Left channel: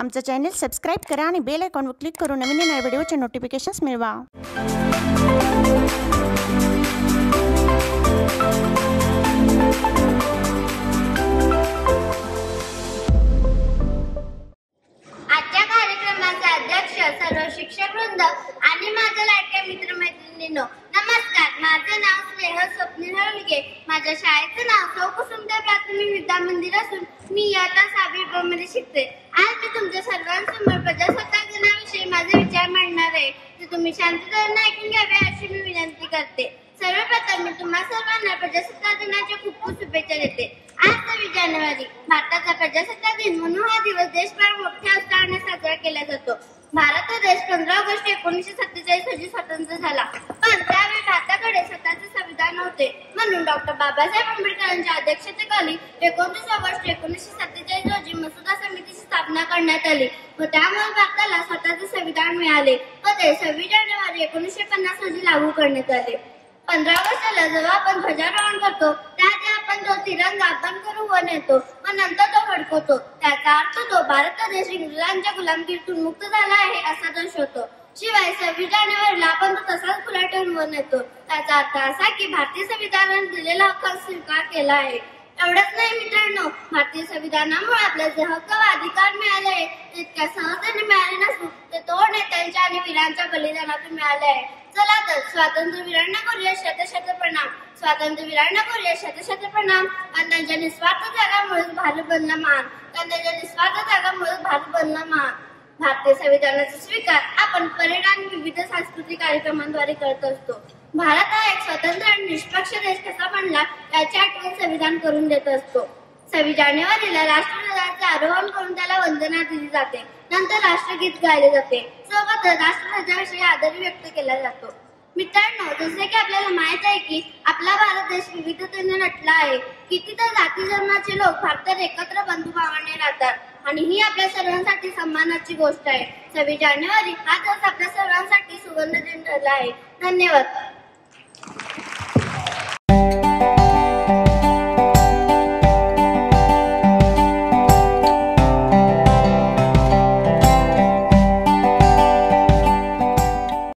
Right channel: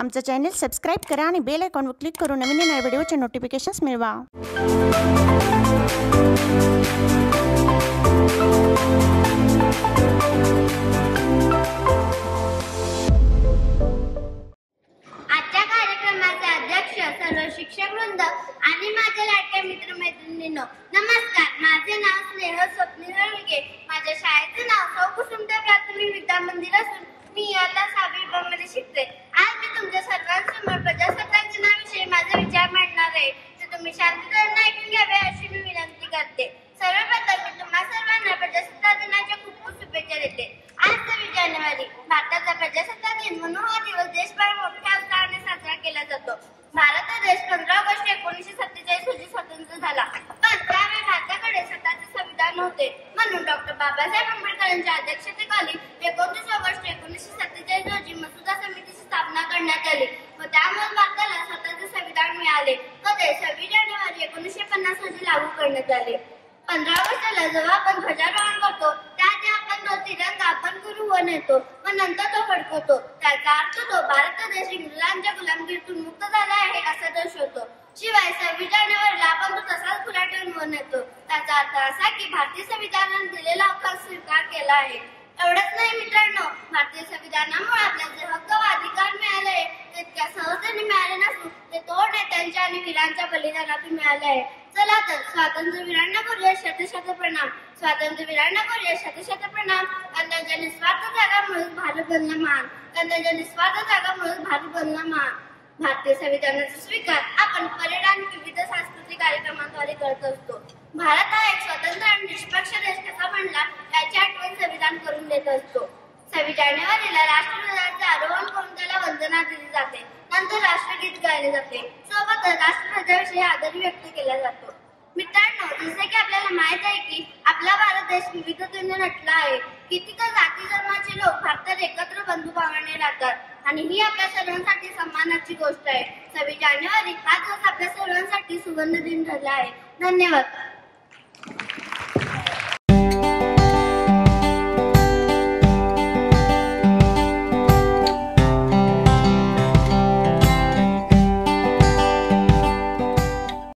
आमचं channel subscribe करा आणि बेल आयकॉनवर क्लिक करून नवीन नवीन व्हिडिओचे नोटिफिकेशन्स मिळवा। आजच्या कार्यक्रमाचे अध्यक्ष सर्व शिक्षक वृंद आणि माझ्या लाडक्या मित्रमैत्रिणींनो, नमस्कार। माझे नाव स्नेहल स्वप्नील हळगे। माझ्या शाळेचे नाव सौ कुसुमताई प्राथमिक विद्या मंदिर असून मी आता 6वी ब मध्ये शिकते। आज मी तुमच्या सर्वांसमोर प्रजासत्ताक दिनाविषयी माझे विचार मांडणार आहे, ते तुम्ही शांततेने ऐकून घ्यावे अशी मी विनंती करते। सर्वप्रथम मी तुम्हा सर्वांना प्रजासत्ताक दिनाच्या खूप खूप शुभेच्छा देते। आज 26 जानेवारी भारताचा प्रजासत्ताक दिन म्हणून हा दिवस देशभरात मोठ्या उत्साहाने साजरा केला जातो। भारत हा देश 15 ऑगस्ट 1947 रोजी स्वतंत्र झाला, पण त्यावेळी भारताकडे स्वतःचे संविधान नव्हते। म्हणून डॉक्टर बाबासाहेब आंबेडकरांच्या अध्यक्षतेखाली 29 ऑगस्ट 1947 रोजी मसुदा समितीची स्थापना करण्यात आली व त्यामुळे भारताला स्वतःचे संविधान मिळाले व ते 26 जानेवारी 1950 रोजी लागू करण्यात आले। 15 ऑगस्टला जेव्हा आपण ध्वजारोहण करतो त्याआधी आपण तो तिरंगा आपण करू व नेतो व नंतर तो फडकवतो। त्याचा अर्थ तो भारत देश इंग्रजांच्या गुलामगिरीतून मुक्त झाला आहे असा दर्शवतो। शिवाय 26 जानेवारीला आपण तो तसाच खुला ठेवून व नेतो। त्याचा अर्थ असा की भारतीय संविधानाने दिलेला हक्क स्वीकार केला आहे। एवढंच नाही मित्रांनो, भारतीय संविधानामुळे आपल्याला जे हक्क व अधिकार मिळाले आहे ते इतक्या सहजतेने मिळाले नसून ते थोर नेत्यांच्या आणि वीरांच्या बलिदानातून मिळाले आहे। चला तर स्वातंत्र्यवीरांना करूया शतशत प्रणाम, स्वातंत्र्यवीरांना करूया शतशत प्रणाम। त्यांच्या निस्वार्थ त्यागामुळेच भारत बनला महान, त्यांच्या निस्वार्थ त्यागामुळेच भारत बनला महान। भारतीय संविधानाचा स्वीकार आपण परेड आणि विविध सांस्कृतिक कार्यक्रमांद्वारे करत असतो। भारत हा एक स्वतंत्र आणि निष्पक्ष देश कसा बनला याची आठवण संविधान करून देत असतो। 26 जानेवारीला राष्ट्रध्वजाचे आरोहण करून त्याला वंदना दिली जाते, नंतर राष्ट्रगीत गायले जाते, सोबतच राष्ट्रध्वजाविषयी आदर व्यक्त केला जातो। मित्रांनो, जसे की आपल्याला माहित आहे की आपला भारत देश विविधतेने नटला आहे। कितीतर जाती धर्माचे लोक भारतात एकत्र बंधुभावाने राहतात आणि ही आपल्या सर्वांसाठी सन्मानाची गोष्ट आहे। 26 जानेवारी हा दिवस आपल्या सर्वांसाठी सुवर्ण दिन ठरला आहे। धन्यवाद।